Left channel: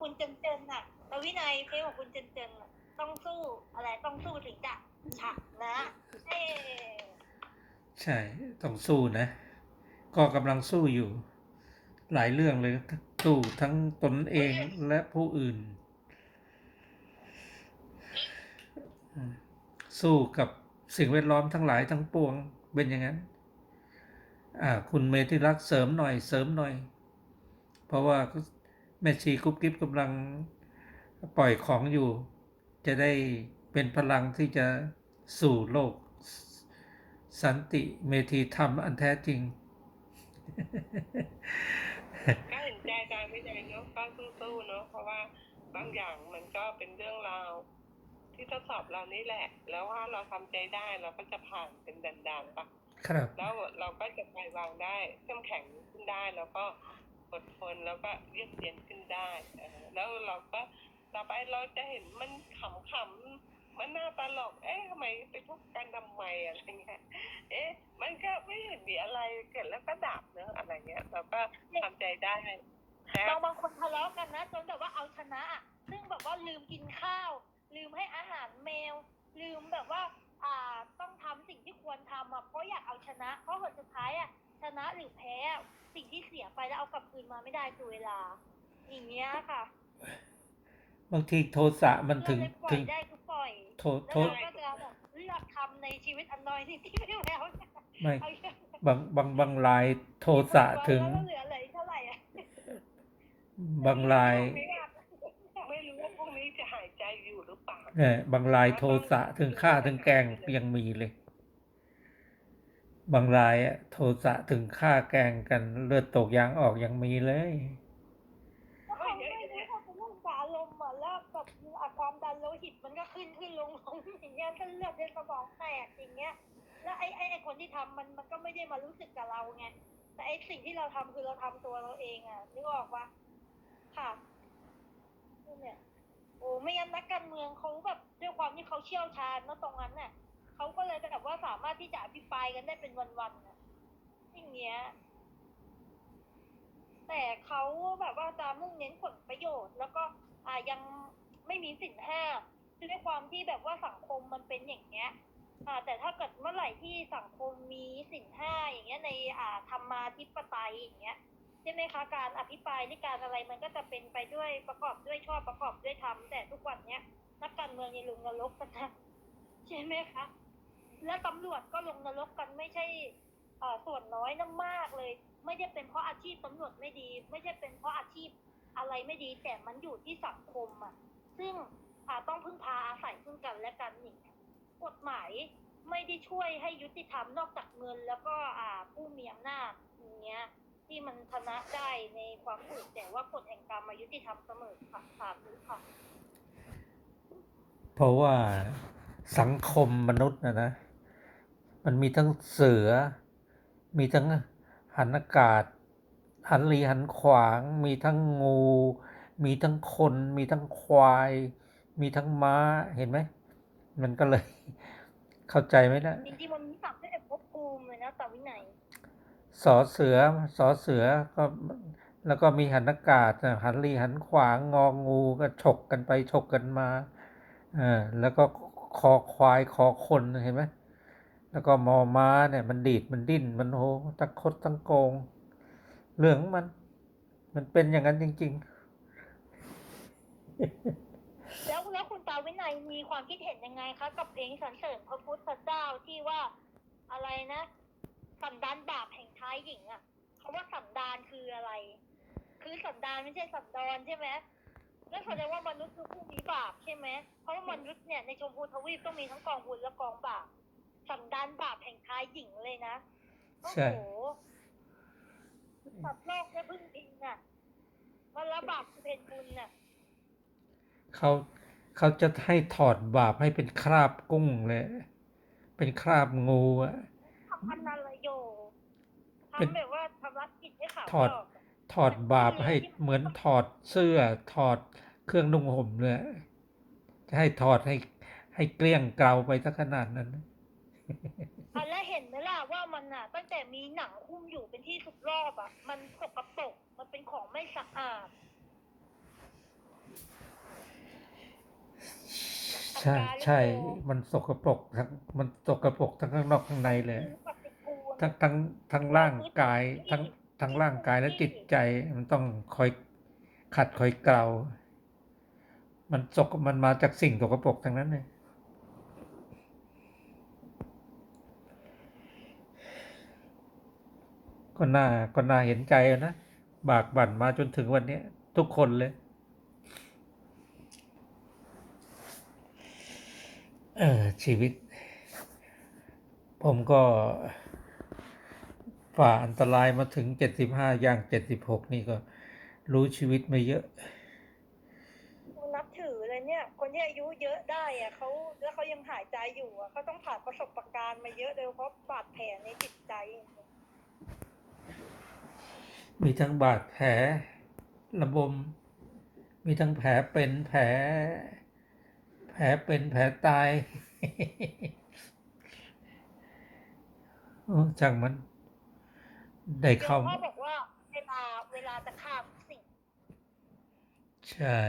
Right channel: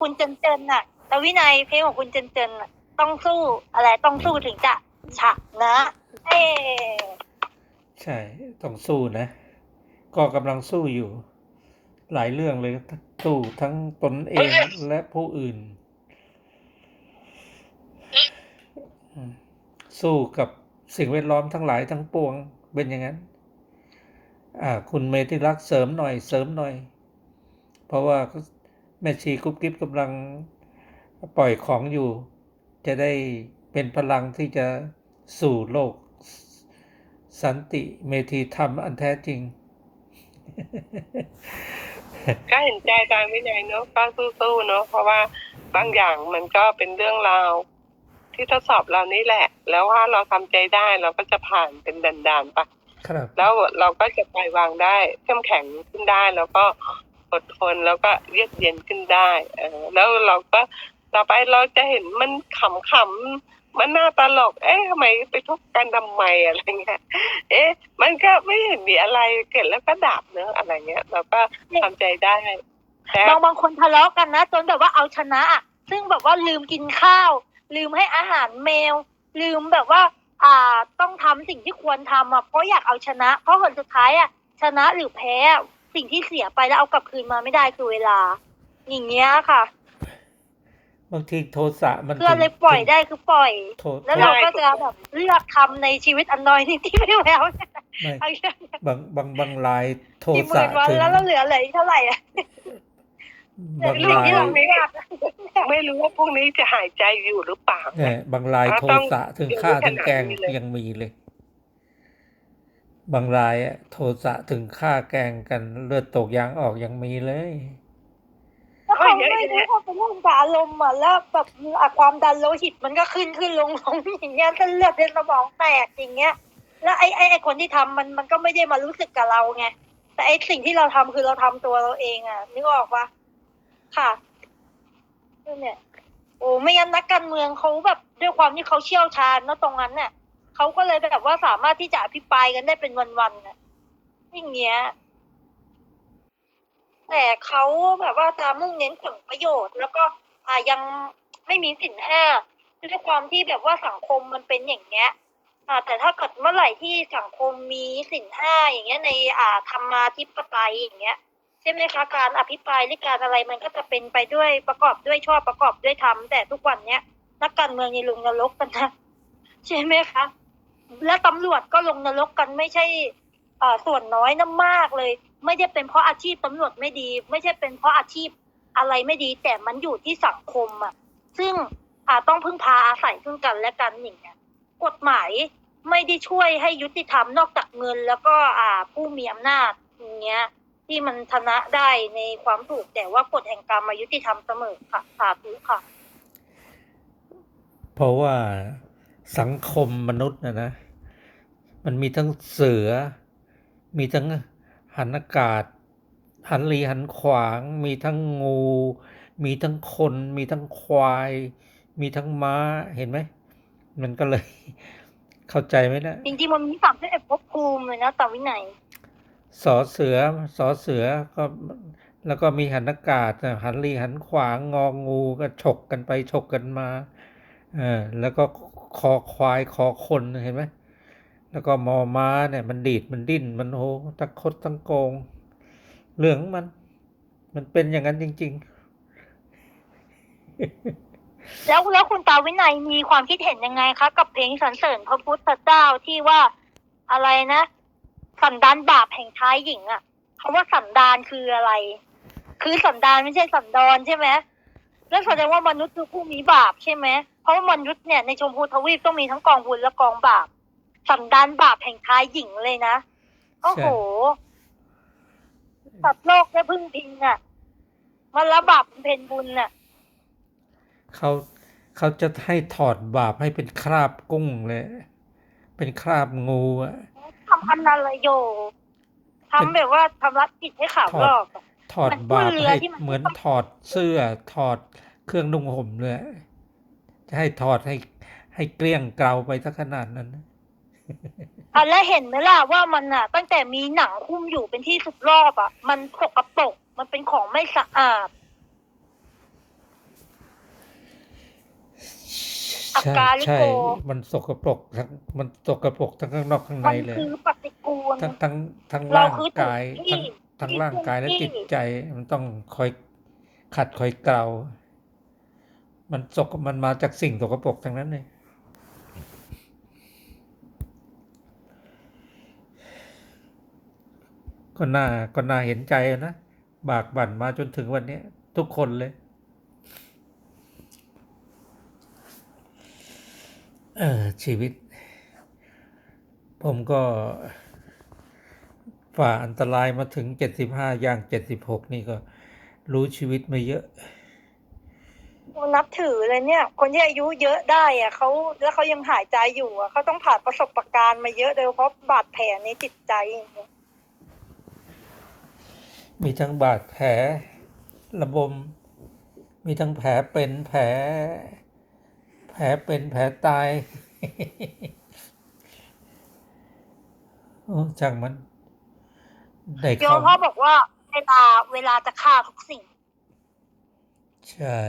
คุณเจนเจนน่ะแต่วินัยเพลงของคุณเจนเจนน่ะต้องสู้อะไรต้องสู้ถึงจะชนะเอ้ใช่ต้องสู้นะ ก็กำลังสู้อยู่ หลายเรื่องเลยสู้ทั้งตนเองและผู้อื่น สู้กับสิ่งแวดล้อมทั้งหลายทั้งปวงเป็นอย่างนั้น อ่า คุณเมธิรักเสริมหน่อยเสริมหน่อย เพราะว่า แม่ชีกุ๊บกิ๊บกำลังปล่อยของอยู่ จะได้เป็นพลังที่จะสู่โลก สันติเมธีธรรมอันแท้จริง ก็เห็นใจอาจารย์วินัยเนาะก็สู้ๆเนาะเพราะว่าบางอย่างมันก็เป็นเรื่องราวที่ทดสอบเรานี่แหละ แล้วว่าเราทำใจได้เราก็จะผ่านเป็นด่านๆไปครับแล้วเราก็จะปล่อยวางได้เข้มแข็งขึ้นได้แล้วก็ อดทนแล้วก็เยือกเย็นขึ้นได้แล้วเราก็ต่อไปเราจะเห็นมันขำๆมันน่าตลก เอ๊ะทำไมไปทุบกันทำไมอะไรเงี้ย เอ๊ะ มันก็ไม่เห็นมีอะไรเกิดแล้วก็ดับเนอะอะไรเงี้ยเราก็ทำใจได้บางบางคนทะเลาะกันนะจนแบบว่าเอาชนะอะซึ่งแบบว่าลืมกินข้าว ลืมให้อาหารแมว ลืมแบบว่า อ่าต้องทำสิ่งที่ควรทำอะเพราะอยากเอาชนะ เพราะผลสุดท้ายอะชนะหรือแพ้ สิ่งที่เสียไปแล้วเอากลับคืนมาไม่ได้คือเวลา อย่างเงี้ยค่ะบางทีโทสะมันเพื่อถึงเลยปล่อยถึงได้คือปล่อยโทแล้วโทเราก็จะแบบเลือกทำในชีวิตอันน้อยนิดที่ไม่แล้วไม่เอาอย่างบางบางบางรายโทกี่หสะมื่นวันถึงแล้วเราเหลือเหลืออีกเท่าไหร่อะบางเรื่องรายที่เราไม่อยากไม่รู้ว่าพรุ่งนี้จะหายใจอยู่หรือเปล่าเนี่ยบางรายอ่าโทต้องสะถึงดูฆ่าขนาดถึงแกล้งนี้เลยยังมีเลย บางรายอะโทสะถึงฆ่าแกงกันเลือดตกยางออกยังมีเลยแล้วเขาไม่รู้เขาเป็นเรื่องอารมณ์อะแล้วแบบความดันโลหิตมันก็ขึ้นขึ้นลงลงอย่างเงี้ยเส้นเลือดในสมองแตกอย่างเงี้ย แล้วไอ้ไอ้ไอ้คนที่ทำมันมันก็ไม่ได้มารู้สึกกับเราไงแต่ไอ้สิ่งที่เราทำคือเราทำตัวเราเองอะนึกออกปะค่ะนั่เนี่ยโอ้ไม่งั้นนักการเมืองเขาแบบด้วยความที่เขาเชี่ยวชาญเนอะตรงนั้นเนี่ย เขาก็เลยแบบว่าสามารถที่จะอภิปรายกันได้เป็นวันๆน่ะอย่างเงี้ย แต่เขาแบบว่าจะมุ่งเน้นผลประโยชน์ แล้วก็อ่ายังไม่มีสินห้าด้วยความที่แบบว่าสังคมมันเป็นอย่างเงี้ย อ่า แต่ถ้าเกิดเมื่อไหร่ที่สังคมมีสินห้าอย่างเงี้ยในอ่าธรรมาธิปไตยอย่างเงี้ยใช่ไหมคะการอภิปรายหรือการอะไรมันก็จะเป็นไปด้วยประกอบด้วยชอบประกอบด้วยธรรมแต่ทุกวันเนี้ยนักการเมืองนี่ลงนรกกันนะใช่ไหมคะ และตำรวจก็ลงนรกกันไม่ใช่อ่าส่วนน้อยนะมากเลย ไม่ได้เป็นเพราะอาชีพตำรวจไม่ดี ไม่ใช่เป็นเพราะอาชีพอะไรไม่ดี แต่มันอยู่ที่สังคมอะ ซึ่งอาต้องพึ่งพาอาศัยซึ่งกันและกันอย่างเงี้ยกฎหมายไม่ได้ช่วยให้ยุติธรรมนอกจากเงิน แล้วก็อ่าผู้มีอำนาจอย่างเงี้ย ที่มันชนะได้ในความถูกแต่ว่ากฎแห่งกรรมมายุติธรรมเสมอค่ะสาธุค่ะ เพราะว่า สังคมมนุษย์นะนะ มันมีทั้งเสือ มีทั้งหันอากาศ หันลีหันขวาง มีทั้งงู มีทั้งคน มีทั้งควาย มีทั้งม้าเห็นไหม มันก็เลยเข้าใจไหมนะจริงๆมันมีสามสิบเอ็ดภพภูมิเลยนะตามวินัยสอเสือสอเสือก็แล้วก็มีหันอากาศน่ะหันลีหันขวางงองูก็ฉกกันไปฉกกันมาเออแล้วก็ คอควายคอคนเห็นไหมแล้วก็มอม้าเนี่ยมันดีดมันดิ้นมันโหตะคดตั้งโกงเรื่องมัน มันเป็นอย่างนั้นจริงแล้วแล้วคุณตาวินัยมีความคิดเห็นยังไงคะกับเพลงสรรเสริญพระพุทธเจ้าที่ว่าอะไรนะสันดานบาปแห่งชายหญิงอะคำว่าสันดานคืออะไร คือสันดานไม่ใช่สันดอนใช่ไหมแล้วแสดงว่ามนุษย์คือผู้มีบาปใช่ไหม ราะว่ามนุษย์เนี่ยในชมพูทวีปต้องมีทั้งกองบุญและกองบาปสันดานบาปแห่งชายหญิงเลยนะโอ้โหสัตว์โลกได้พึ่งพิงอะมันละบาปเป็นเพนบุญน่ะๆเขาเขาจะให้ถอดบาปให้เป็นคราบกุ้งเลย เป็นคราบงูอะทำอันนั้นเลยโยทำแบบว่าทำรัดผิดให้ขาวถอดลอกอะถอดบาปมันเรือให้ที่มันเหมือนถอดเสื้อถอดเครื่องนุ่งห่มเลย จะให้ถอดให้ให้เกลี้ยงเกลาไปสักขนาดนั้นอันแล้วเห็นไหมล่ะว่ามันอะ ตั้งแต่มีหนังคุ้มอยู่เป็นที่สุดรอบอะ มันสกปรกมันเป็นของไม่สะอาดใช่ใช่ มันสกปรกทั้งมันสกปรกทั้งข้างนอกข้างในเลยทั้งทั้งทั้งร่างกายทั้งทั้งร่างกายและจิตใจมันต้องคอยขัดคอยเกลา มันสกมันมาจากสิ่งสกปรกทั้งนั้นเลยก็น่าก็น่าเห็นใจนะ บากบั่นมาจนถึงวันนี้ทุกคนเลยเออชีวิต ผมก็ฝ่าอันตรายมาถึงเจ็ดสิบห้าย่างเจ็ดสิบหกนี่ก็รู้ชีวิตมาเยอะ นับถือเลยเนี่ย คนที่อายุเยอะได้อะเขาแล้วเขายังหายใจอยู่อะเขาต้องผ่านประสบการณ์มาเยอะโดยเฉพราะบาดแผลในจิตใจอย่างเงี้ยมีทั้งบาดแผลระบม มีทั้งแผลเป็นแผล แผลเป็นแผลตายโอ้ช่างมันได้โยเข้ามพ่อบอกว่าเวลาเวลาจะฆ่าทุกสิ่ง ใช่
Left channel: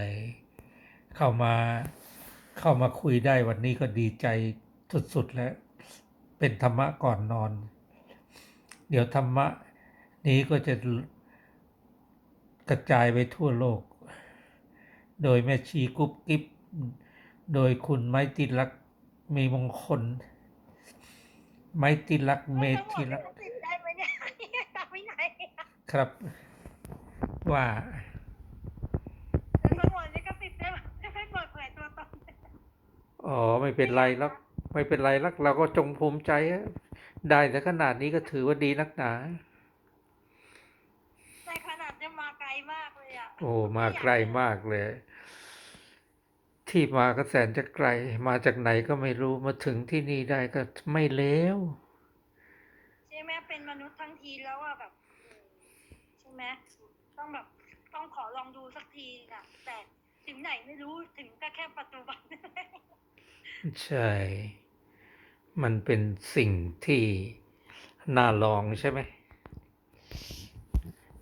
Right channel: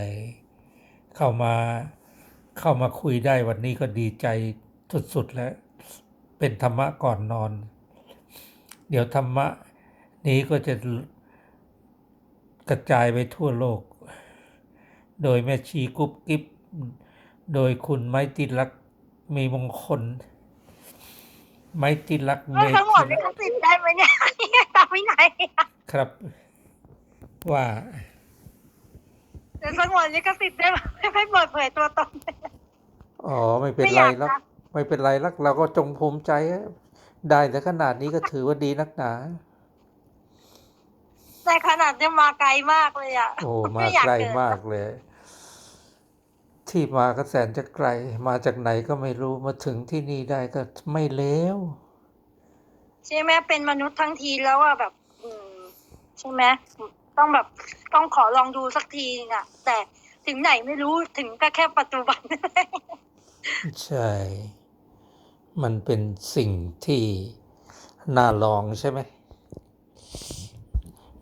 เข้ามาเข้ามาคุยได้วันนี้ก็ดีใจสุดๆแล้วเป็นธรรมะก่อนนอน เดี๋ยวธรรมะนี้ก็จะกระจายไปทั่วโลก โดยแม่ชีกุ๊บกิ๊บโดยคุณไม้ติลักษณ์มีมงคล ไม้ติลักษณ์เมทั้งหมดธิลิลักขษณ์สิทธิ์ได้ไหมเนี่ยตามวินัยครับว่า จะสงวนลิขสิทธิ์ได้ไหมไม่เปิดเผยตัวตน อ๋อไม่เป็นไรหรอกไม่เป็นไรหรอกเราก็จงภูมิใจอะได้แต่ขนาดนี้ก็ถือว่าดีนักหนา แต่ขนาดจะมาไกลมากเลยอะโอ้มาไอยไกลเดินมากเลย ที่มาก็แสนจะไกล มาจากไหนก็ไม่รู้มาถึงที่นี่ได้ก็ไม่เลวใช่ไหมเป็นมนุษย์ทั้งทีแล้วอะแบบ อืมใช่ไหม ต้องแบบต้องขอลองดูสักทีนึงอะ แต่ถึงไหนไม่รู้ถึงก็แค่ปัจจุบัน ใช่ มันเป็นสิ่งที่น่าลองใช่ไหม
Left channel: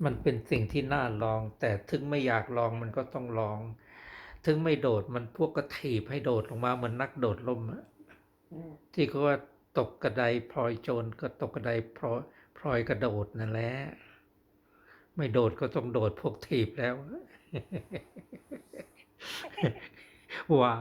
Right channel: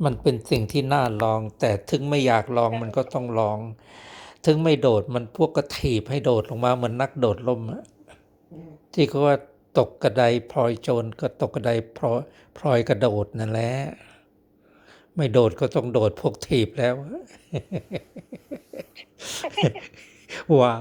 มันเป็นสิ่งที่น่าลอง แต่ถึงไม่อยากลองมันก็ต้องลอง ถึงไม่โดดมันพวกกระถีบให้โดดลงมาเหมือนนักโดดล่มอะที่เขาว่าตกกระไดพลอยโจรก็ตกกระไดพลอยพลอยกระโดดนั่นแหละ ไม่โดดก็ต้องโดดพวกถีบแล้ว ว่า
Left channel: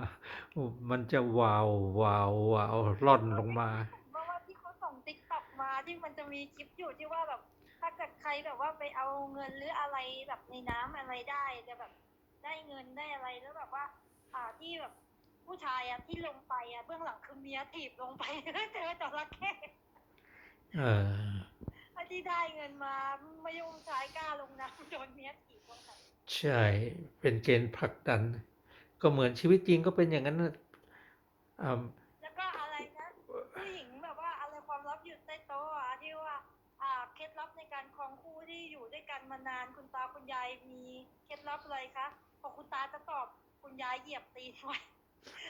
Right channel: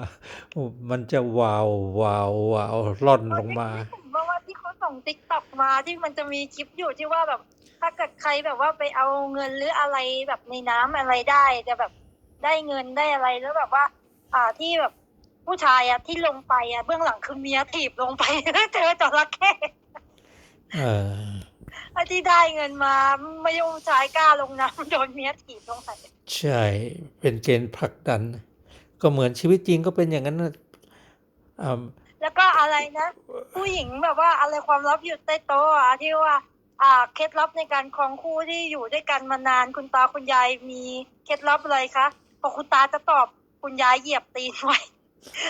มันจะวาววาววาวล่อนลงมาผมว่าว่าที่เขาส่งติ๊กต็อกมาที่มันจะมีคลิปอยู่ที่ว่าแบบ ถ้าเกิดใครแบบว่าไปเอาเงินหรืออะไรแบบในน้ำอะไรได้จะแบบได้เงินได้อะไรแล้วแบบว่า อ่าที่แบบผู้ชายอะที่ลงไปอะเบื้องหลังคือเมียถีบลงไปแล้วเจอจระเข้เออ อ้ที่ได้เงินมาไม่ยอมใชายกล้าลงน้ำโดนเมียถีบลงไปใช่ เป็นเกณฑ์ผลักดัน ก็เหมือนชีวิตจริงก็เป็นอย่างนั้นนะอ่าแล้วก็อะไรนะ ผู้หญิงแบบว่าอะไรความลับอยู่ใต้โต๊ะอะที่ว่า อ่าเคล็ดลับในการครองคู่ที่อยู่ด้วยกันมานานคุณตาคุณยายมีเคล็ดลับอะไรคะพอคุณตาจะตอบคุณยายเหยียบตีนไว้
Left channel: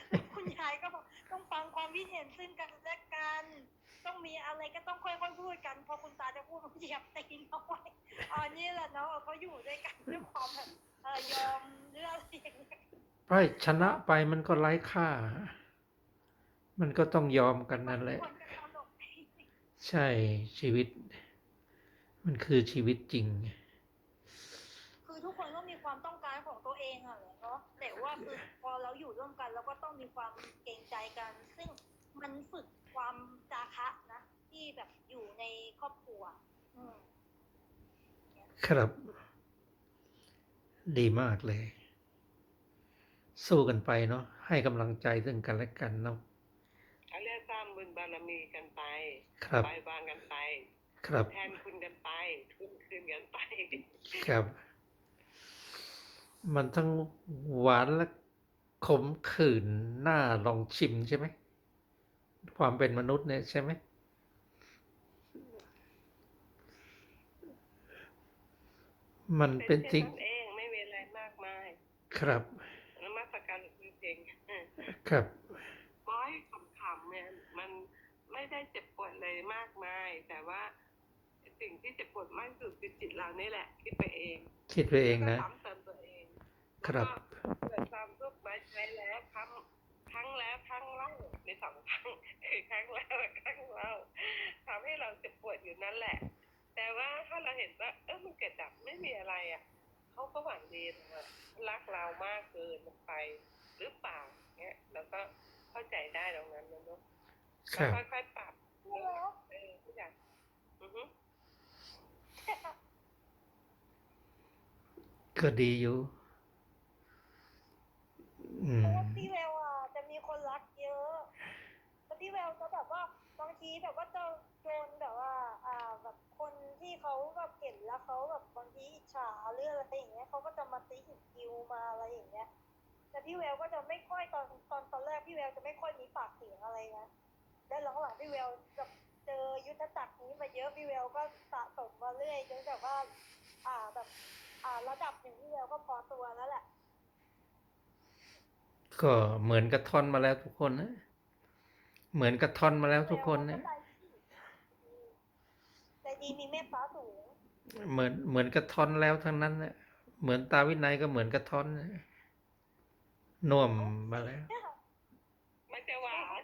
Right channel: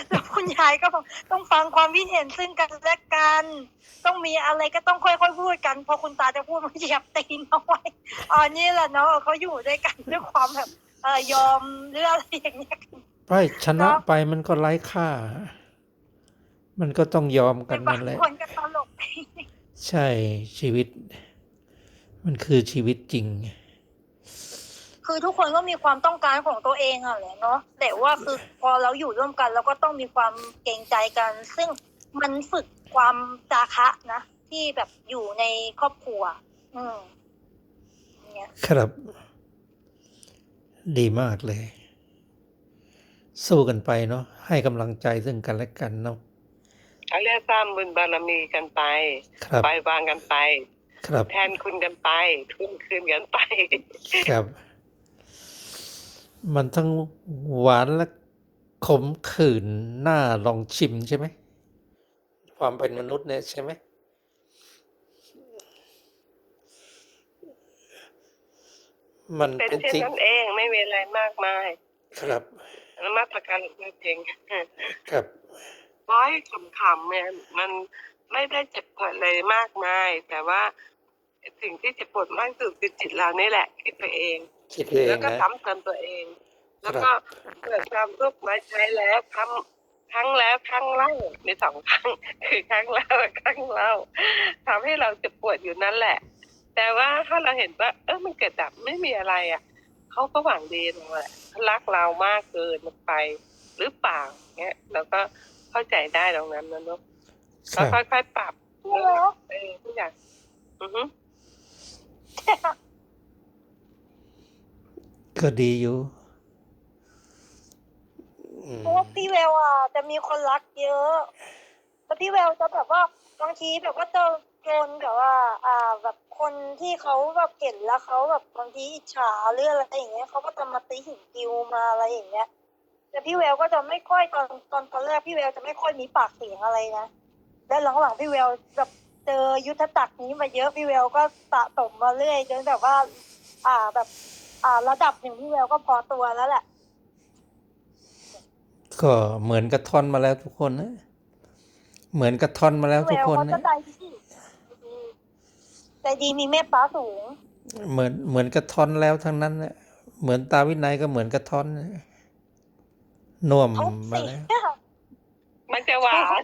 แล้วคุณยายก็บอกต้องฟังความคิดเห็นซึ่งกันและกัน ต้องมีอะไรก็ต้องค่อยๆพูดกัน พอคุณตาจะพูดมันเหยียบตีนเอาไว้อ๋อนี่แหละเนาะเขาอยู่ด้วยกันด้วยความแบบเออยอมหรืออะไรอย่างเงี้ยไปชนะไปมันก็ไร้ค่า มันก็ต้องยอมกันบานั่งนแหละคนก็ตลกใช่ชีวิต มันคือชีวิตจริง คือทุกคนก็มีความต้องการของตัวเองอะแหละเนาะแต่ว่าคือพอเราอยู่ร่วมกันเราก็ต้องมีความเกรงใจกัน ซึ่งมันฝึกความจาคะนะ ที่แบบอยู่ในครอบครัว อืมเนี่ยครับ ดีมากเลย สู้กันไปเนาะให้กำลังใจซึ่งกันและกันเนาะเขาเรียกสร้างบุญบารมีกันไปครับปล่อยวางกันไป ครับ แทนคุณกันไปทุนคืนกันไป ครับ มันทั้งหวานและขมขื่นน่าลองชิมใช่ไหม ความเป็นมนุษย์เนี่ยใช่ไหม มันเป็นเป็นเช่นสิ่งนั้นเองไม่มีอะไรมากมาย ครับนมัสการหลวงพ่อเองครับร้อยขำๆเนี่ยมันไม่ได้เจ็บปวดเลยมากมาย แต่ว่าสิ่งที่เจ็บปวดมากที่สุดคือจิตเรานี่แหละคิดไปเอง คิดไปเอแล้งวก็นะ ซ้ำเติมตัวเองครัแล้วบก็เกิดความทุกข์มาใช้แล้วทครั้งแล้วครั้งเล่ามีสองครั้ง คือครั้งแล้วและครั้งเล่าทำให้เราเจ็บปวดอยู่นั่นแหละ แต่ว่าถ้าเราเห็นว่า เออมันเกิดดับไม่มีอะไรอะเขาก็หวังดีเราแหละเขารักเรามากเกินไปหรือเปล่าเงี้ยเราก็เข้าใจได้ตรงนั้นนะเนอะคก็รับ ค่อยๆปรับพี่แววเออทุกอย่างอือฮึ ก็ดีอยู่เพราะว่าพี่แววอะจะมีคนรักเยอะแล้วพี่แววจะแบบว่าบางทีแบบว่าเจอโจนแบบว่า อ่า แบบคนที่เขาแบบเห็นแล้วเขาแบบบางทีอิจฉาหรืออะไรอย่างเงี้ยเขาก็จะมาตีหินกิวมาอะไรอย่างเงี้ย แต่พี่แววก็จะไม่ค่อยตอนตอนตอนแรกพี่แววจะไม่ค่อยมีปากเสียงอะไรนะแล้วหลังๆพี่แววแบบเจอยุทธจักรนี้มาเยอะพี่แววก็สะสมมาเรื่อยจนแบบว่า อ่าแบบ อ่า ระดับหนึ่งพี่แววก็พอตัวแล้วแหละ ก็เหมือนกระท่อนมาแล้วทุกคนนะ เหมือนกระท่อนมาแล้วทุกคนเขาจะนะ ใจดีใจดีมีเมตตาสูง เหมือนเหมือนกระท่อนแล้วทั้งนั้นนะเหมือนตาวินัยก็เหมือนกระท่อนนะน่วมทุกมาสิ่งแล้ว มันจะหวาน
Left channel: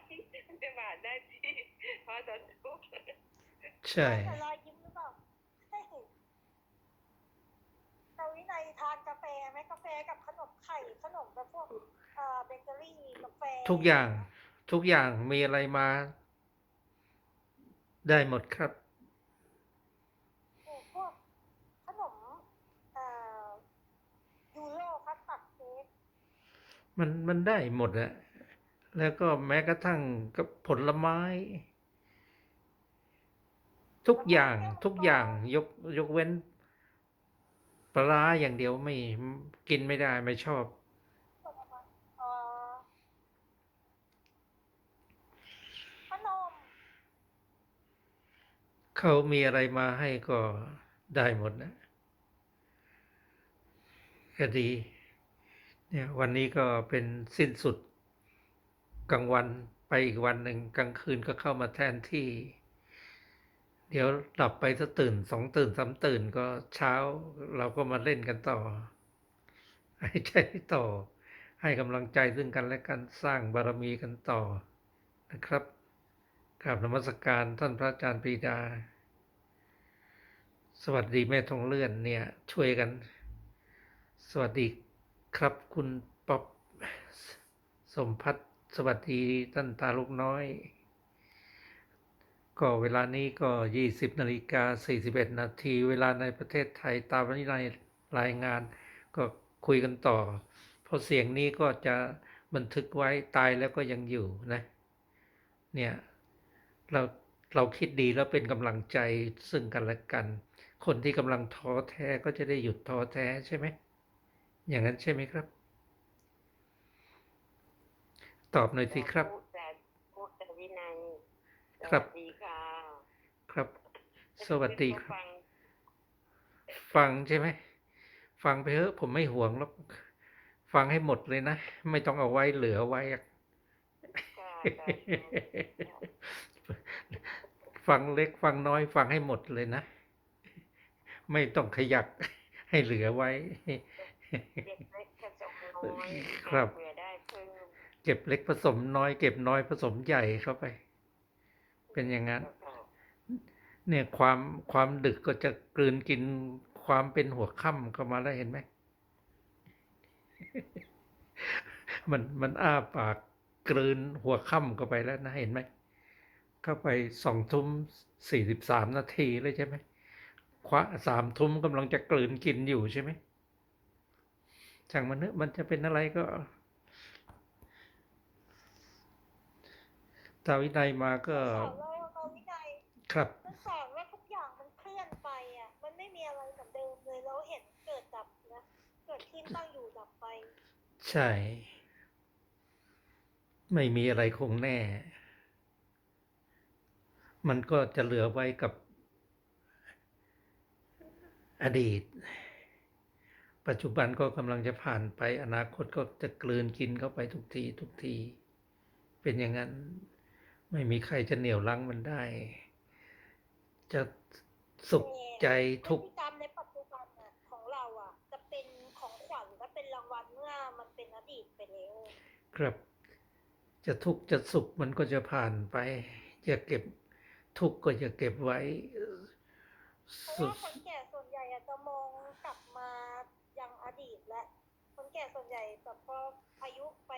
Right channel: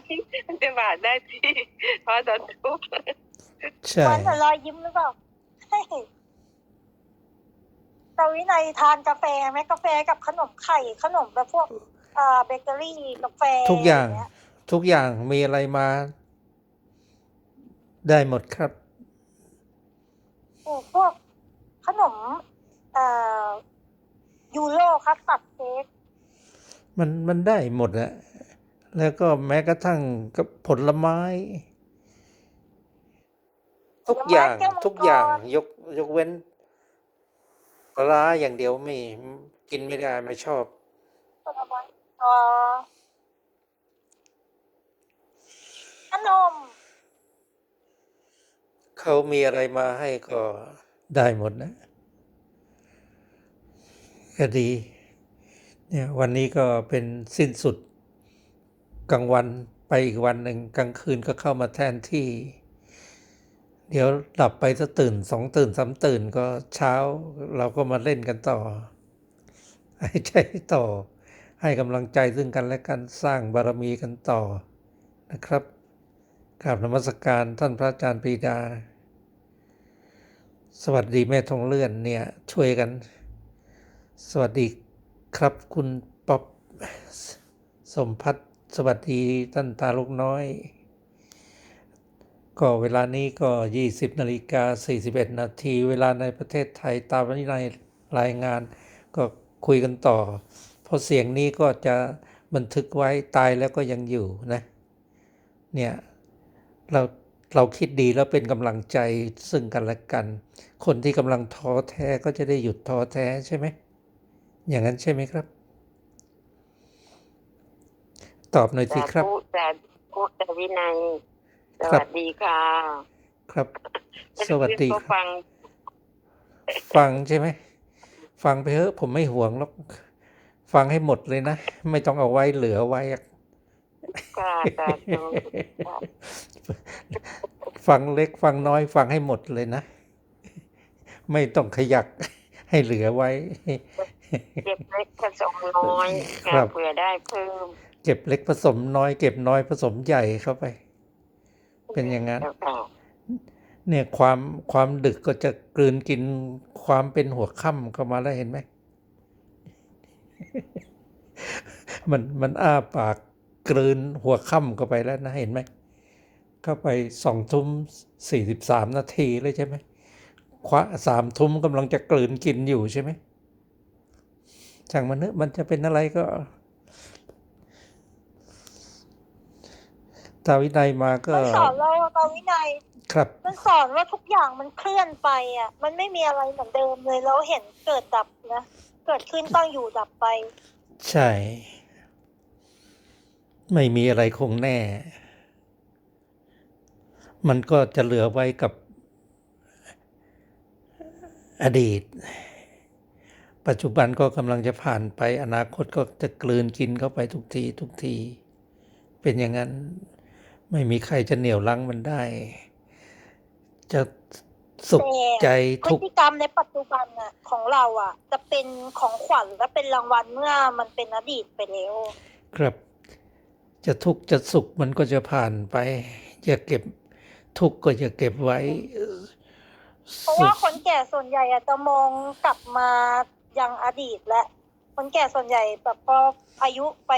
มันจะหวานได้ที่เพราะตอนทุกข์ ใช่มันแต่รอยยิ้มหรือเปล่าเฮ้ ยตาวินัยทานกาแฟไหมกาแฟกับขนมไข่ขนมแบบพวกอ่าเบเกอรี่กาแฟทุกอย่างเงี้ทุกอย่างมีอะไรมา ได้หมดครับโอ้พวกขนมอ่ายูโรคัสตัดเค้กมันมันได้หมดอะแล้วก็แม้กระทั่งกับผลไม้ ทุกอย่างทุกอย่างยกยกเว้น ปลาร้าอย่างเดียวไม่กินไม่ได้ไม่ชอบผลไม้อ่าขนม เขามีอะไรมาให้ก็ได้หมดนะก็ดีเนี่ยวันนี้ก็เป็นสิ้นสุดกลางวันไปอีกวันหนึ่งกลางคืนก็เข้ามาแทนที่ เดี๋ยวหลับไปสักตื่นสองตื่นสามตื่นก็เช้าเราก็มาเล่นกันต่อให้ใจต่อ ให้กำลังใจซึ่งกันและกันสร้างบารมีกันต่อนะครับกราบนมัสการท่านพระอาจารย์ปีดา สวัสดีแม่ทองเลื่อนเนี่ยช่วยกัน สวัสดีครับคุณป๊อปสมพัฒน์สวัสดีท่านตาลูกน้อย ก็เวลานี้ก็ 20นาฬิกา41 นาที เวลาในประเทศไทยตามวินัยรายงาน ก็คุยกันต่อ เพราะเสียงนี้ก็จะบันทึกไว้ตายแล้วก็ยังอยู่นะ เนี่ยเราเราคิดดีแล้วเป็นกำลังใจซึ่งกันและกัน คนที่กำลังท้อแท้ก็จะได้หยุดท้อแท้ใช่ไหม อย่างนั้นใช่ไหมครับ ตอบหน่อยสิครับสาธุสาธุแต่วินัย สครับวัสดีค่ะ ครับ สวัสดีก็ครับฟัง ฟังใช่ไหม ฟังไปเถอะผมไม่ห่วงหรอก ฟังให้หมดเลยนะ ไม่ต้องเอาไว้เหลือไว้อะค่ะสาธุฟังเล็กฟังน้อยฟังให้หมดเลยนะ ไม่ต้องขยักให้เหลือไว้ เก็บเล็กผสมน้อยครัค่ะบเผื่อได้เพิ่ม เก็บเล็กผสมน้อย เก็บน้อยผสมใหญ่เข้าไป เป็นอย่างนั้นเจ้าค่ะเนี่ยความความดึกก็จะกลืนกินความเป็นหัวค่ำเข้ามาแล้วเห็นไหม มันมันอ้าปากกลืนหัวค่ำเข้าไปแล้วนะเห็นไหมเข้าไปสองทุ่มสี่สิบสามนาทีเลยใช่ไหมคว้าสามทุ่มกำลังจะกลืนกินอยู่ใช่ไหมช่างมันเนอะมันจะเป็นอะไรก็ ตาวินัยมาก็มันสอนเราตาวินัยครับ มันสอนว่าทุกอย่างมันเคลื่อนไปอะ มันไม่มีอะไรเหมือนเดิมเลยเราเห็นเกิดดับนะเกิดขึ้นตั้งอยู่ดับไป ใช่ ไม่มีอะไรคงแน่ มันก็จะเหลือไว้กับอดีต ปัจจุบันก็กำลังจะผ่านไป อนาคตก็จะกลืนกินเข้าไปทุกที ทุกที เป็นอย่างนั้น ไม่มีใครจะเหนี่ยวรั้งมันได้ จะสุขใจพทุฤกข์ติกรรมในปัจจุบันอะของเราอะ จะเป็นของขวัญและเป็นรางวัลเมื่อมันเป็นอดีตไปแล้ว ครับ จะทุกข์จะสุขมันก็จะผ่านไป อย่าเก็บทุกข์ก็อย่าเก็บไว้เพราะว่าคนแก่ส่วนใหญ่อะจะมองกลับมายังอดีตและ คนแก่ส่วนใหญ่แบบพออายุไป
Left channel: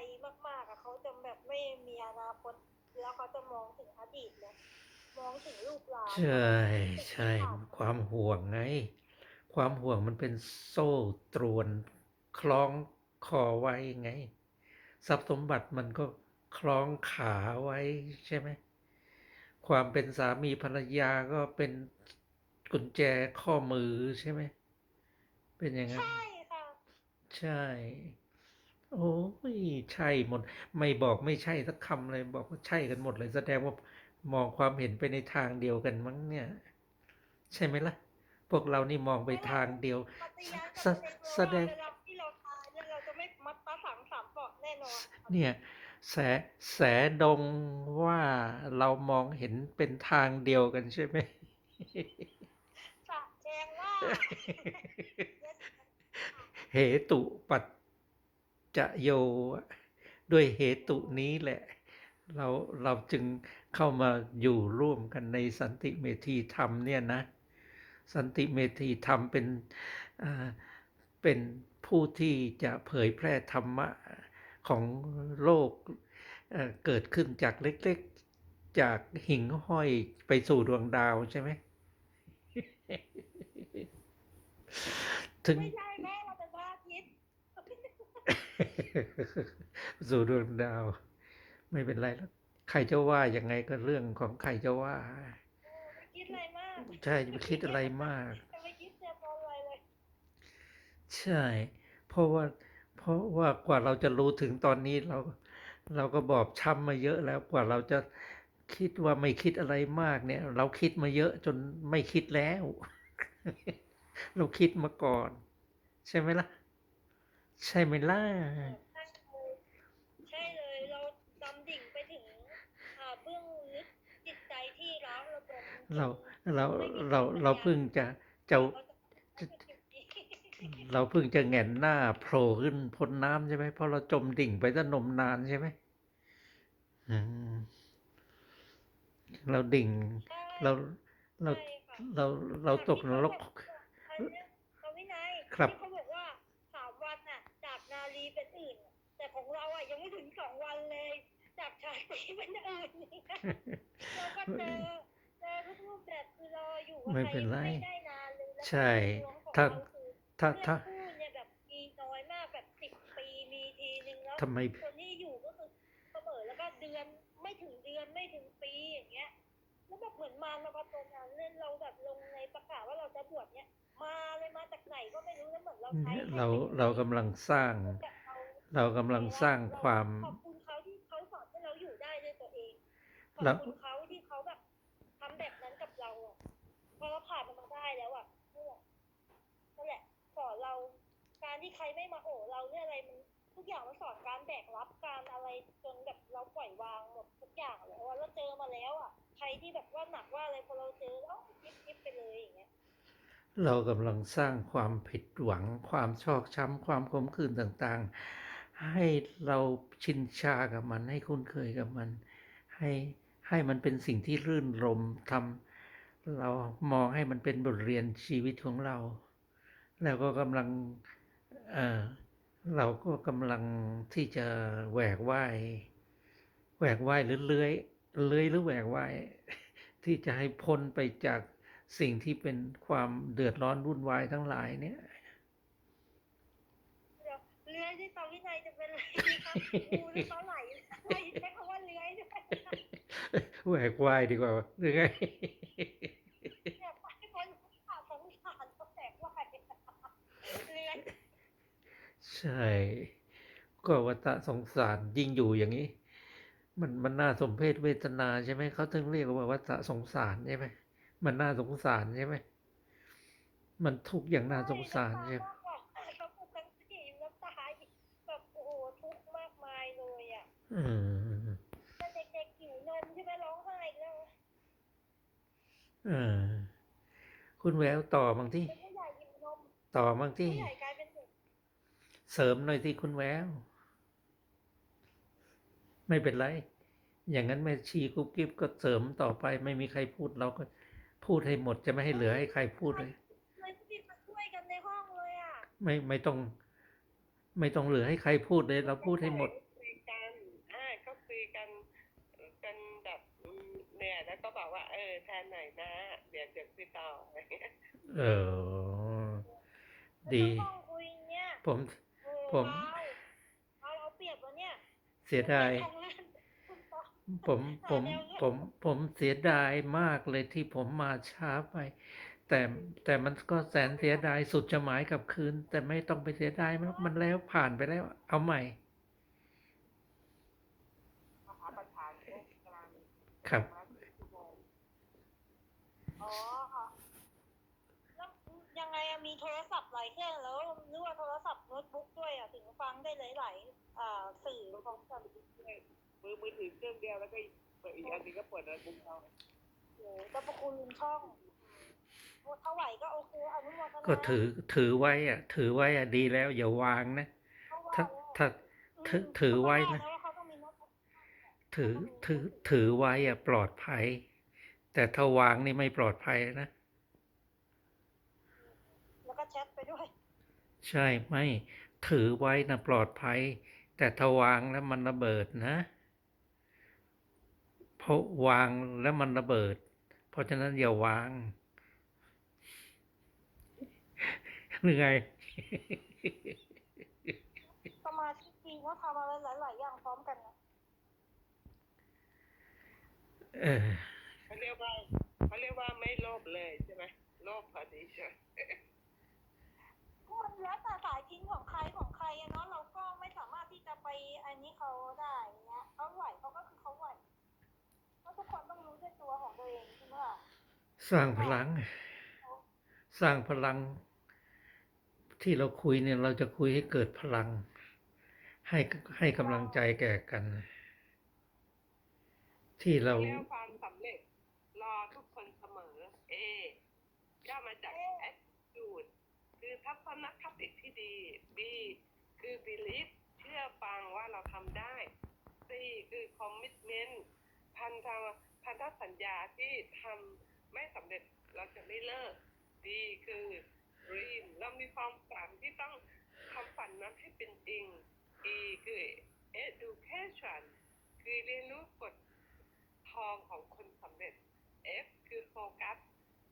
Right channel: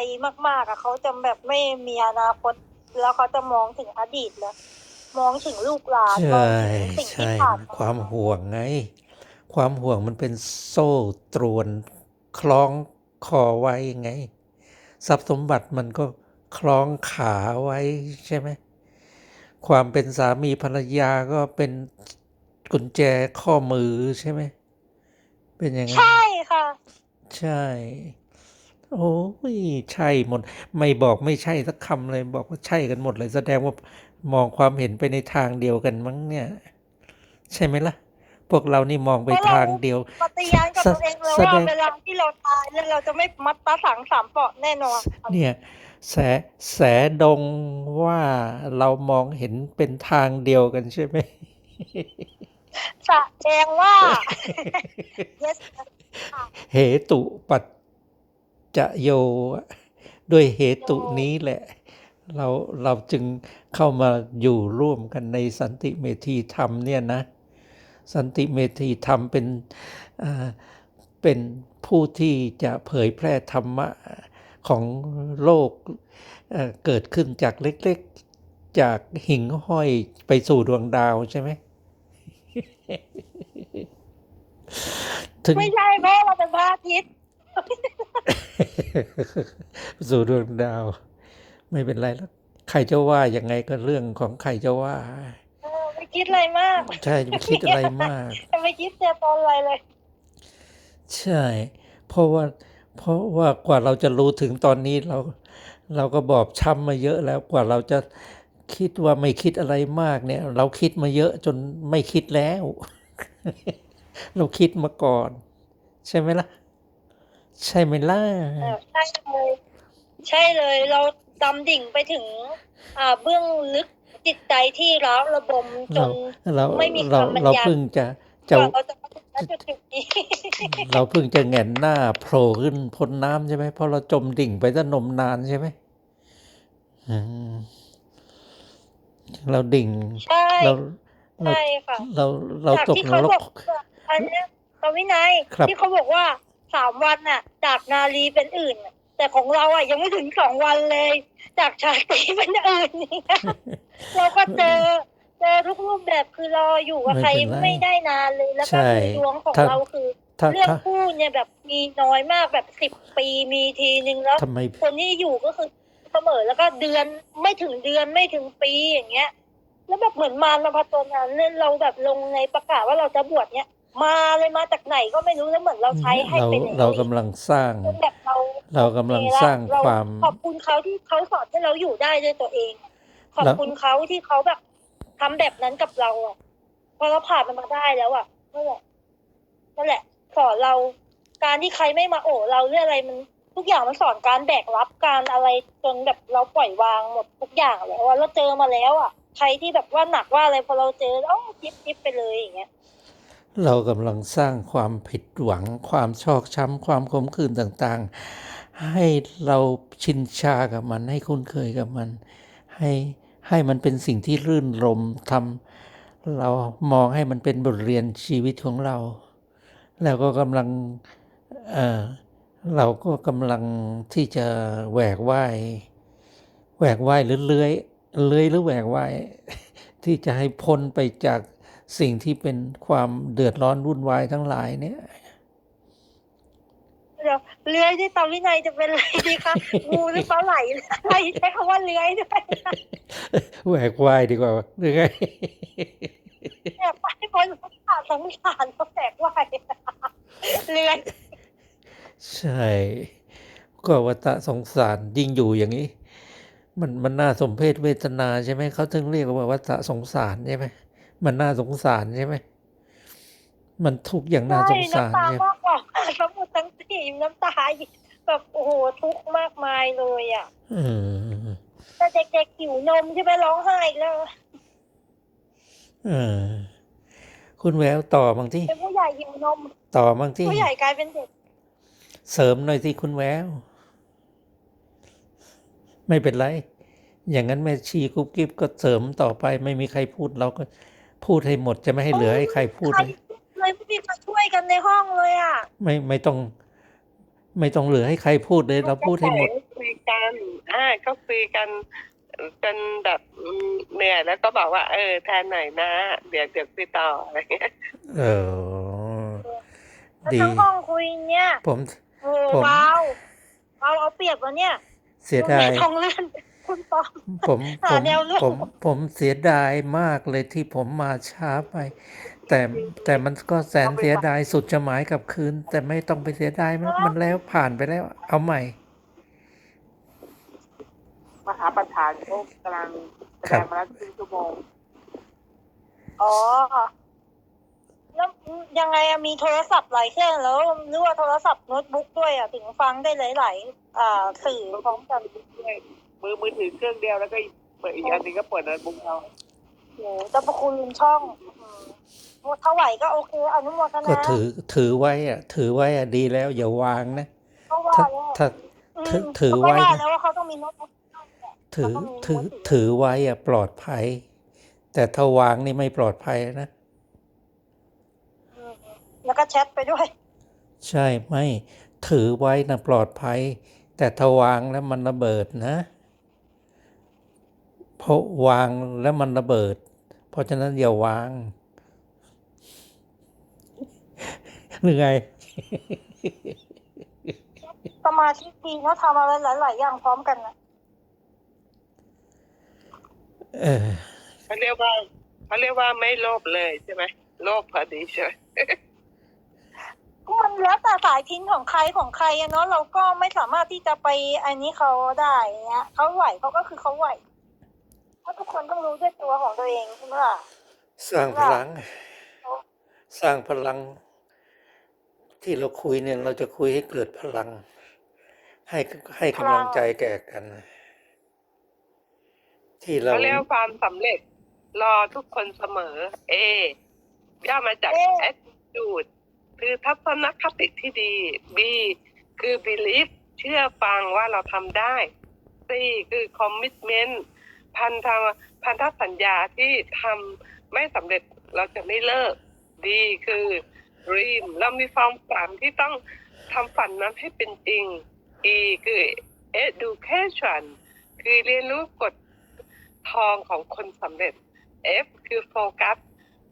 มาก ๆอะเขาจะแบบไม่มีอนาคต แล้วเขาจะมองถึงอดีตแล้วมองถึงลูกหลานมองใช่ถึงสิ่งที่ใช่ผ่านความห่วงไง ความห่วงมันเป็นโซ่ตรวนคล้องคอไว้ไง ทรัพย์สมบัติมันก็คล้องขาไว้ใช่ไหมความเป็นสามีภรรยาก็เป็นกุญแจข้อมือใช่ไหมเป็นอย่างนั้นใช่ค่ะ ใช่ โอ้ยใช่หมด ไม่บอกไม่ใช่สักคำเลยบอกว่าใช่กันหมดเลย แสดงว่ามองความเห็นไปในทางเดียวกันมั้งเนี่ย ใช่ไหมล่ะ พวกเรานี่มองไปเพราะเราทางเดียวปฏิญาณกับตัวเองเลยแสว่าดงเวลาที่เราตายเนี่ยเราจะไม่มัดตาสังสามเปาะแน่นอน เนี่ยแสแสดงว่าเรามองเห็นเป็นทางเดียวกันใช่ไหมแสดงว่า yes เหตุปัจ จะโยด้วยเหตุนี้แหละ เราเราจึงเข้ามาอยู่ร่วมกันในสันติเมธีธรรมเนี่ยนะ สันติเมธีธรรมเป็นเป็นผู้ที่จะเผยแพร่ธรรมะของโลกเเกิดขึ้นจากเล็กๆ จากหิ่งห้อยไปสู่ดวงดาวใช่ไหมไม่ใช่เพราะเราเป็นพระอาทิตย์ สู่ดวงดาว ไม่เป็นไรแล้วใครจะว่ายังไงก็เรื่องของใครจะว่าเออไม่คิดอะไรมาก ใช่จะไม่คิดอะไรมากจะไม่คิดเจอตอนอะไรเลย ใช่ เพราะว่า เพราะว่ากว่าเราจะรู้ถึงตอนนี้เรา เราก็บอบช้ำมาเยอะแล้วกว่าเราจะคิดว่าไม่คิดอะไรมากเนี่ย เราคิดมาเยอะจนไม่คิดแล้ว เราคิดมาก่อน ใช่ไหมล่ะ ใช่ไหมล่ะเออใช่เลย ใช่เลย เราดำดิ่งไปถึง อ่าเบื้องลึกจิตใจที่ร้าวระบมจเราน เราไม่มีเราคำบรรยาย เราเพิ่งจะกจะว่าเราจะมาถึงณจุดๆนี้ เราเพิ่งจะแหงนหน้าโผล่ขึ้นพ้นน้ำใช่ไหมเพราะเราจมดิ่งไปตั้งนมนานใช่ไหมอืมเราดิ่ง ใช่เราเราใช่ค่ะเราเราจากตกที่นเขารบกอกว่าอันเนี้ยตวินัยครับ ที่เขาบอกว่า สามวันน่ะ จากนาลีเป็นอื่นน่ะแต่ของเราอะยังไม่ถึงสองวันเลย จากชาตรีเป็นอื่นเนี่ยเราก็เจอเจอทุกรูปแบบคือเราอยู่กับใครไม่เป็นไรไม่ได้นานเลยแล้วก็ใช่คือดวงของถ้าเราคือถ้าเรื่องถ้าคู่เนี่ยแบบมีน้อยมากแบบสิบปีมีทีนึงแล้วทำไมคนที่อยู่ก็คือเสมอแล้วก็เดือนไม่ถึงเดือนไม่ถึงปีอย่างเงี้ย แล้วแบบเหมือนมารมาผจญนั้นเนี่ยเราแบบลงในประกาศว่าเราจะบวชเนี่ย มาเลยมาจากไหนก็ไม่รู้แล้วเหมือนเราใช้ให้เราเป็นอย่างเรานี้กำลังสร้าง จนแบบเรา เรากำลังสร้างเรความ ขอบคุณเขาที่เขาสอนให้เราอยู่ได้ด้วยตัวเอง ขอบแล้วคุณเขาที่เขาแบบทำแบบนั้นกับเราอะพอเราผ่านมันมาได้แล้วอะนั่นแหละนั่นแหละ สอนเราการที่ใครไม่มาโอบเราเรื่องอะไรมัน ทุกอย่างมันสอนการแบกรับการอะไรจนแบบเราปล่อยวางหมดทุกอย่างแล้วอะเราเจอมาแล้วอะใครที่แบบว่าหนักว่าอะไรพอเราเจอแล้วจิ๊บจิ๊บไปเลยอย่างเงี้ย เรากำลังสร้างความผิดหวัง ความชอกช้ำ ความขมขื่นต่างๆ ให้เราชินชากับมัน ให้คุ้นเคยกับมัน ให้ให้มันเป็นสิ่งที่รื่นรมทำเรามองให้มันเป็นบทเรียนชีวิตของเรา แล้วก็กำลังเออเราก็กำลังที่จะแหวกว่ายแหวกว่ายหรือเลื้อยเลื้อยหรือแหวกว่ายที่จะให้พ้นไปจาก สิ่งที่เป็นความเดือดร้อนวุ่นวายทั้งหลายเนี่ยเดี๋ยวเลื้อยที่ตาวินัยจะเป็นอะไรดีคะงูหรือปลาไหลอะไรใช้คำว่าเลื้อยด้วยแหวกว่ายดีกว่าหรือไงเนี่ยไปคนสงสารสงสารเขาแตกว่ายเลื้อยใช่ ก็วัฏสงสารยิ่งอยู่อย่างนี้ มันมันน่าสมเพศเวทนาใช่ไหมเขาถึงเรียกว่าวัฏสงสารใช่ไหม มันน่าสงสารใช่ไหม มันทุกข์อย่างน่าสงสารน้ำตาใช่ไหมมากกว่าสมุดทั้งสี่น้ำตาแบบโอ้โหทุกข์มากมายเลยอะอืมแต่เด็กๆหิวนมใช่ไหมร้องไห้อีกแล้วเออคุณแววต่อบางที่เป็นผู้ใหญ่หิวนม ต่อบางที่ผู้ใหญ่กลายเป็นเด็ก เสริมหน่อยที่คุณแวว ไม่เป็นไร อย่างนั้นแม่ชีกุ๊บกิ๊บก็เสริมต่อไป ไม่มีใครพูดเราก็ พูดให้หมดจะไม่ให้เหลือให้ใครพูดใครเลยเลยไม่มีใครช่วยกันในห้องเลยอะ ไม่ไม่ต้อง ไม่ต้องเหลือให้ใครพูดเลย เราพูดให้หมดคุยกันอ่าก็คุยกันจนแบบอืมเหนื่อยแล้วก็บอกว่า เออแทนหน่อยนะ เดี๋ยวเดี๋ยวคุยต่ออะไรเงี้ยเออแล้วดีทั้งห้องคุยเนี่ยผมโอ้ผมเบาเบาเอาเปรียบวะเนี่ยเสียดายทองเลื่อน คุณปอม ผมผหามแนวร่วม ผมผมเสียดายมากเลยที่ผมมาช้าไป แต่แต่มันก็แสนเสียดายสุดจะหมายกลับคืน แต่ไม่ต้องไปเสียดายมันมันแล้วผ่านไปแล้ว เอาใหม่ มหาประธานเขากำลังแสครัดบงมาแล้วครึ่งชั่วโมง อ๋อ แล้วยังไงอะมีโทรศัพท์หลายเครื่องแล้วหรือว่าโทรศัพท์โน้ตบุ๊กด้วยอะถึงฟังได้หลายๆอ่าสื่อพร้อมกันด้วย มือมือถือเครื่องเดียวแล้วก็อีกเปิดอีกอันหนึงก็เปิดโน้ตบุ๊กเอาโหเจ้าประคุณช่องอืมถ้าไหวก็โอเคอนุโมทนาก็ถือถือไว้อะถือไว้อะดีแล้วอย่าวางนะเขาว่าถ้าแล้วถ้ามถือถือไว้เขาก็นะแล้วว่าเขาต้องมีโน้ตบุ๊ก ถือแล้วก็มีถือมือถือ ถือไว้อะปลอดภัย แต่ถ้าวางนี่ไม่ปลอดภัยนะ อืมแล้วก็แชทไปด้วย ใช่ไม่ถือไว้นะปลอดภัย แต่ถ้าวางแล้วมันระเบิดนะ เพราะวางแล้วมันระเบิด เพราะฉะนั้นอย่าวางหรือไงสมาธิดีเนาะทำอะไรหลาย ๆ อย่างพร้อมกันนะเออเขาเรียกว่าเขาเรียกว่าไม่โลภเลยใช่ไหมโลภพอดีใช่ไหมก็มันแล้วแต่สายทิ้นของใครของใครอะเนาะเราก็ไม่สามารถที่จะไปอันนี้เขาได้เนี้ยเขาไหวเขาก็คือเขาไหว เพราะทุกคนต้องรู้ด้วยตัวของตัวเองใช่ไหมล่ะสร้างพลัง สร้างพลัง ที่เราคุยเนี่ยเราจะคุยให้เกิดพลัง ให้ให้กำลังใจแก่กัน ที่เราเขาเรียกว่าความสำเร็จ รอทุกคนเสมอ เอย่อมาจาก attitude คือทัศนคติที่ดี B คือ belief เชื่อฟังว่าเราทำได้ C คือ commitment พันธะพันธสัญญาที่ทำไม่สำเร็จเราจะไม่เลิก D คือ dream เรามีความฝันที่ต้องทำฝันนั้นให้เป็นจริง E คือ education คือเรียนรู้กฎทองของคนสำเร็จ F คือโฟกัส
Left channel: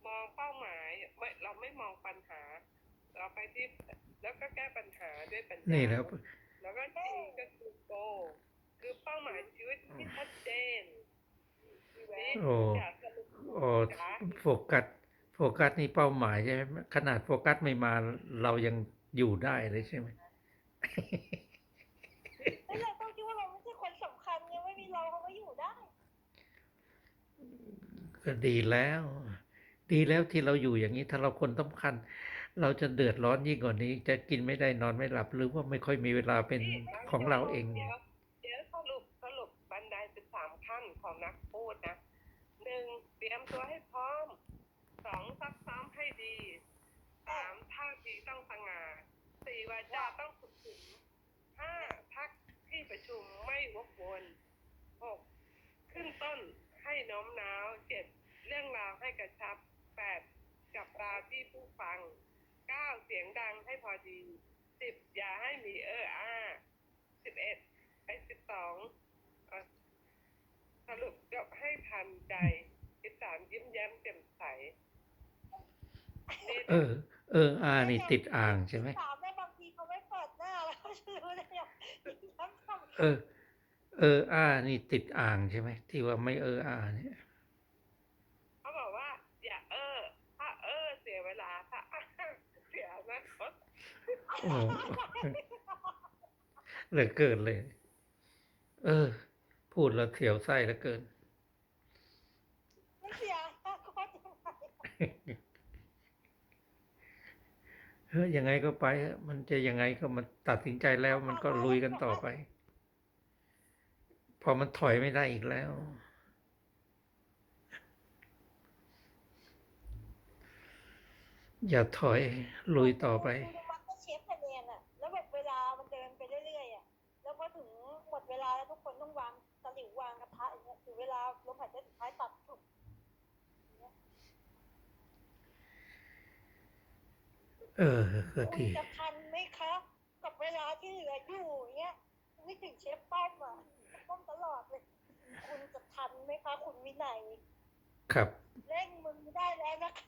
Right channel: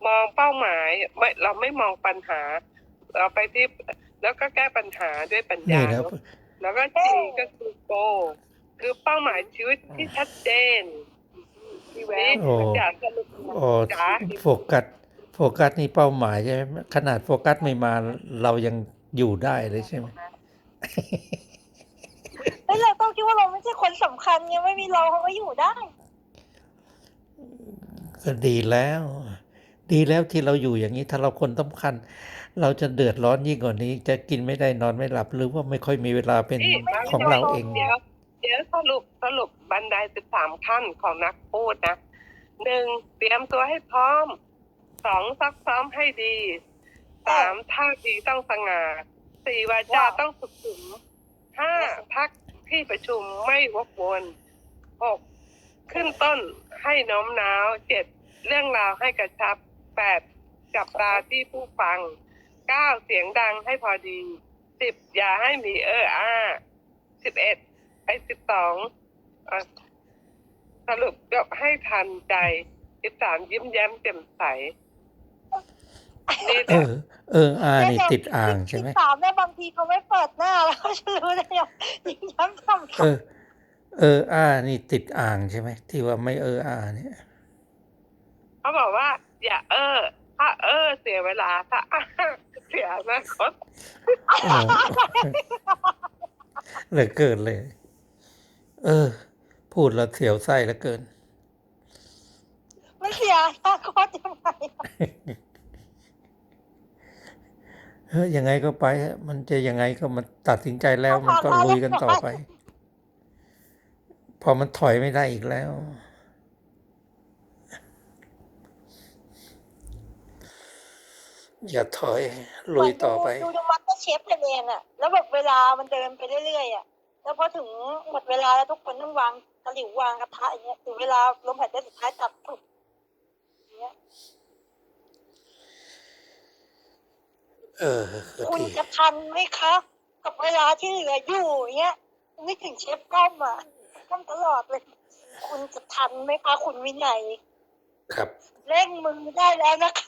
มองเป้าหมายไม่เราไม่มองปัญหา เราไปที่แล้วก็แก้ปัญหาด้วยปัญญานี่แล้วแล้วก็ G ก็คือ goal คือเป้าหมายชีวิตที่ชัดเจน พี่แวนี่วโอ้อยากสรุปโอ้จ๋าโฟกัสโฟกัสนี่เป้าหมายใช่ไหมขนาดโฟกัสไม่มาเรายังอยู่ได้เลยใช่ไหม เฮ้ยเราต้องคิดว่าเราไม่ใช่คนสำคัญไงไม่มีเราเขาก็อยู่ได้ ก็ดีแล้ว ดีแล้วที่เราอยู่อย่างนี้ถ้าเราคนสำคัญ เราจะเดือดร้อนยิ่งกว่านี้ จะกินไม่ได้นอนไม่หลับหรือว่าไม่ค่อยมีเวลาเป็นนี่ของเราเองเดี๋ยว เดี๋ยวสรุปสรุปบันไดสิบสามขั้นของนักพูดนะหนึ่งเตรียมตัวให้พร้อมสองซักซ้อมให้ดีสามท่าทีต้องสง่าสี่วาจาต้องสุขุมห้าพักที่ประชุมไม่วกวนหกขึ้นต้นให้น้อมน้าวเจ็ดเรื่องราวให้กระชับแปดจับตาที่ผู้ฟังเก้าเสียงดังให้พอดีสิบอย่าให้มีเอออ้าสิบเอ็ด ไอ้สิบสองสรุปยกให้ทันใจสิบสามยิ้มแย้มแจ่มใสนี่แหเอละอ เอออานี่ติดอ่างใช่ไหม สามเนี่ยบางทีเขาไม่เปิดหน้าแล้วเขาจะรู้ได้ยังยิ่งย้ำทำเออ เอออานี่ติดอ่างใช่ไหมที่ว่าไม่เอออาเนี่ย เขาบอกว่า อย่าเออ ถ้าเออ เสียเวลาถ้าอ้าเสียอนาคตเออเหลือเกินเลย เออ พูดแล้วเสียวไส้เหลือเกินไม่เสียอนาคตยังไงอะเฮ้ยยังไงก็ไปฮะมันจะยังไงก็มันตัดสินใจแล้ว มันก็ลุยกันต่อไป พอมันถอยไม่ได้อีกแล้ว อย่าถอยลุยต่อไป ดูดูมัตเตอร์เชฟไทยแลนด์อะแล้วแบบเวลามันเดินไปเรื่อยๆอะ แล้วพอถึงหมดเวลาแล้วทุกคนต้องวางตะหลิววางกระทะอย่างเงี้ยถึงเวลาลมหายใจสุดท้ายจับปุ๊บอย่างเงี้ยเออคุณดีจะทันไหมคะ กับเวลาที่เหลืออยู่อย่างเงี้ยนึกถึงเชฟก้อมอะก้อมตลอดเลย คุณจะทันไหมคะคุณวินัยครับเร่งมือได้แล้วนะคะ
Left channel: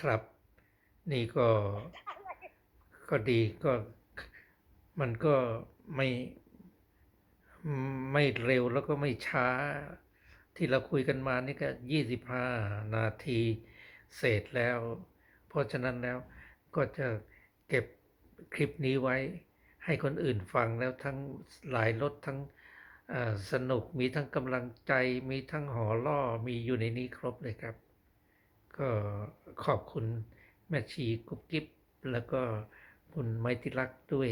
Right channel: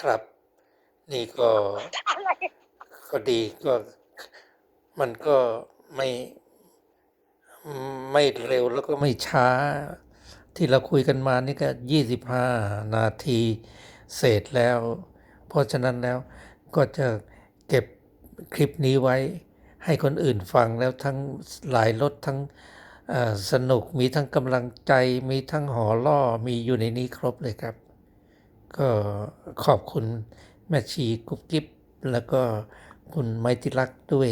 ครับ นี่ก็อะไรก็ดีก็มันก็ ไม่ไม่เร็วแล้วก็ไม่ช้า ที่เราคุยกันมานี่ก็ยี่สิบห้านาทีเศษแล้ว เพราะฉะนั้นแล้วก็จะเก็บคลิปนี้ไว้ให้คนอื่นฟังแล้วทั้งหลายรสทั้งสนุกมีทั้งกำลังใจมีทั้งหอล่อมีอยู่ในนี้ครบเลยครับ ก็ขอบคุณแม่ชีกุ๊บกิ๊บแล้วก็คุณไมติลักษ์ด้วย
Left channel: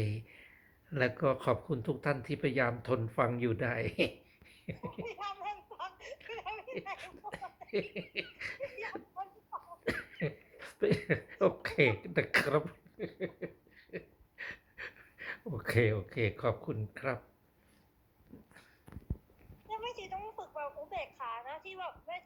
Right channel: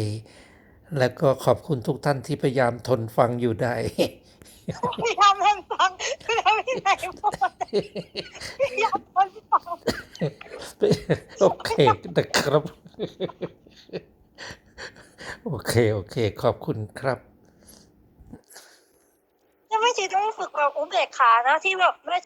แล้วก็ขอบคุณทุกท่านที่พยายามทนฟังอยู่ได้พยายามให้ฟังแล้ววินัยบอกว่าพยายามทนฟังโอเคนะครับ โอเค โอเค ขอบคุณครับยังไม่ชีต้องฝึกแบบอุเบกขานะที่แบบแม่